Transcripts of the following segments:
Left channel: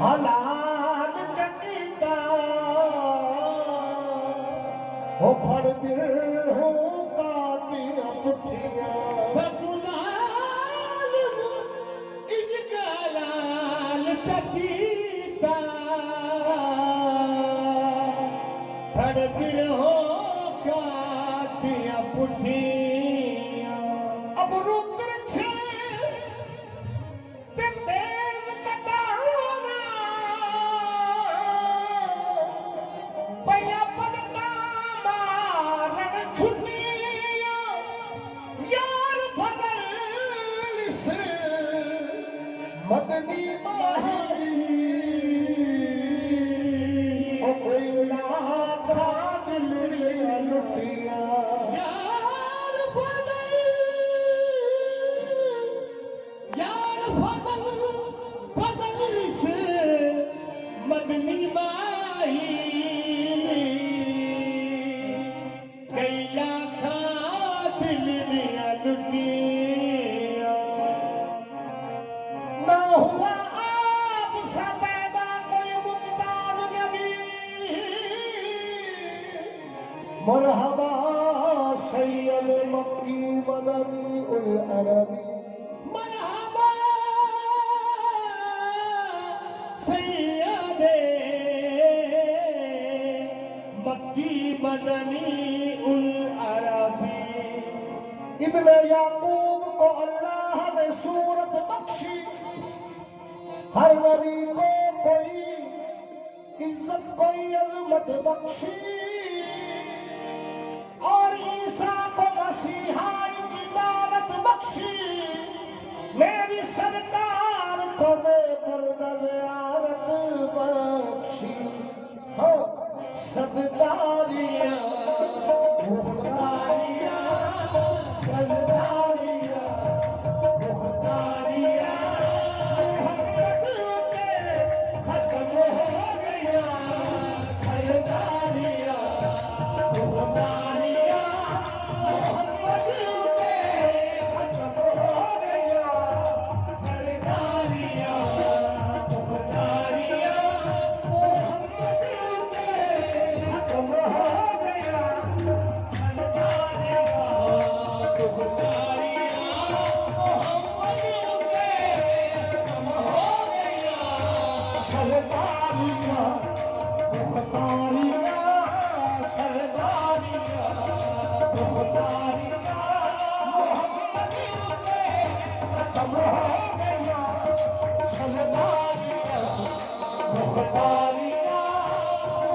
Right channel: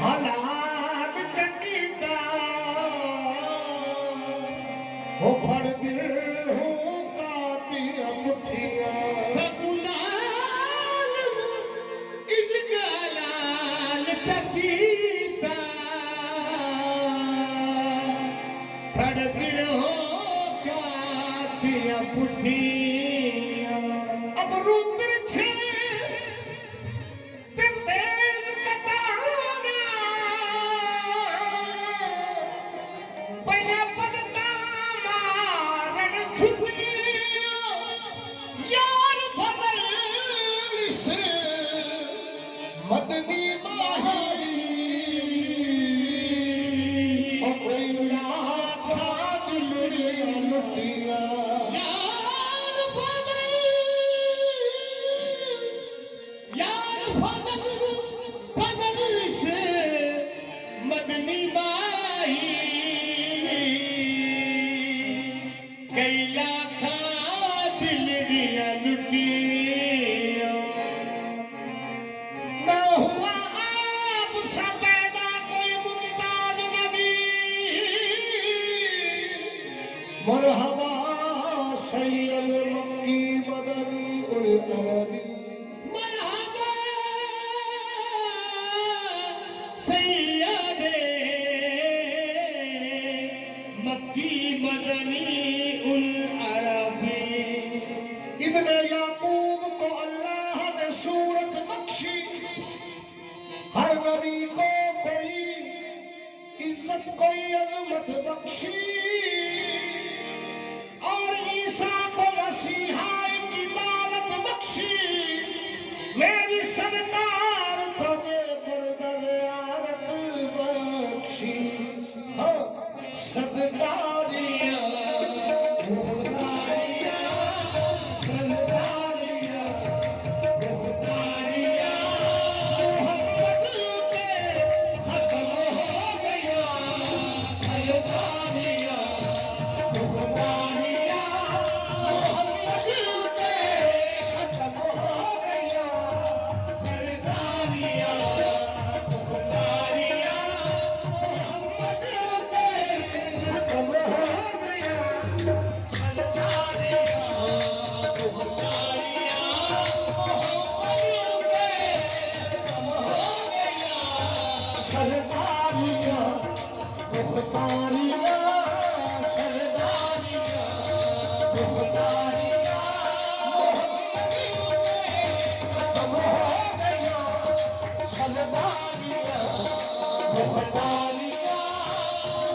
हलाल चकीता हो फड़ दिल हो काती पुठिया सकुलाल इजगलाल चकीता फड़ दिल हो काती पुठिया अब रुद्र छे ते तेज कटाना पैया पलका मारण छुटिया यार फजल से मदनी माही ओ कोई लाखा दिल लुटिया यार फजल फजल से मदनी माही कई लाखा दिल दिया लुटिया ना हुआ आप सा पैदा कोई मुमताज नबी मरहबा सैयद मक्की मदनी उल अरबी मरहबा सैयदे मक्की मदनी उल अरबी इब्ने याकूब को अल्लाह ने सूरत बख्शी हर नबी को कोई इज्जत कोई अजमत बख्शी और ईसा को मसीहा की दावत बख्शी मेरी सरकार को बेपरदारत बख्शी हो सददारियां मुख्तारियां सददारियां मुख्तारियां मोहम्मद के खत्म हो गया सददारियां मुख्तारियां मोहम्मद के खत्म हो गया सरदारियां मुख्तारियां मोहम्मद के खत्म हो गया सरदारियां मुख्तारियां मोहम्मद के खत्म हो गया सरदारियां मुख्तारियां सरदारियां मुख्तारियां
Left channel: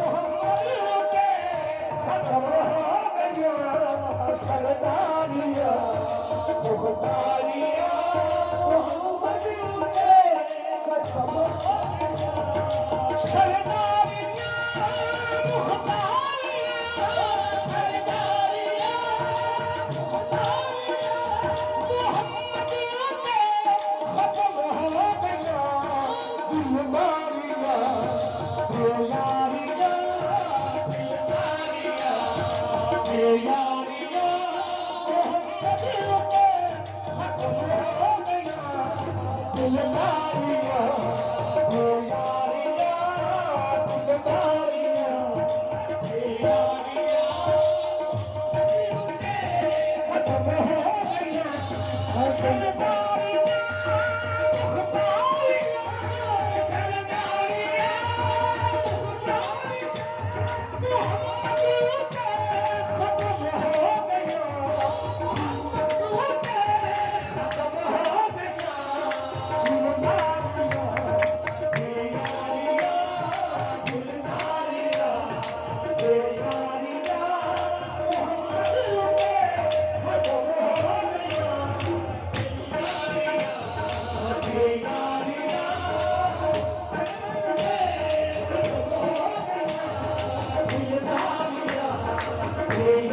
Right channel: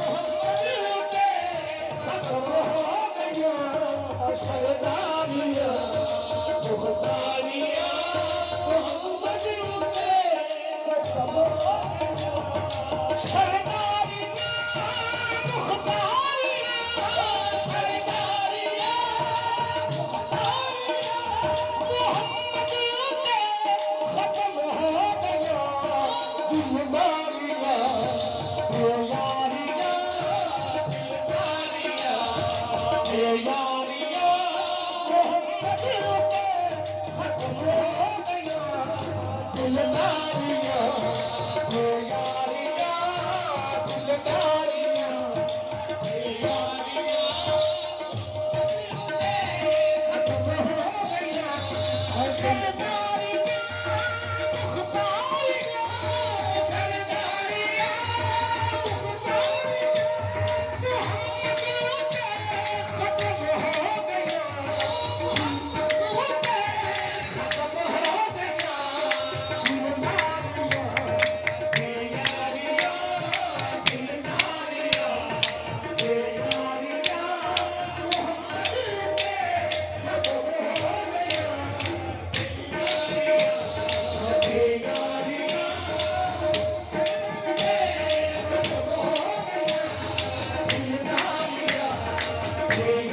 मोहम्मद के खत्म हो गया सरदारियां मुख्तारियां मोहम्मद के खत्म हो गया सरदारियां मुख्तारियां मोहम्मद के खत्म हो गया सरदारियां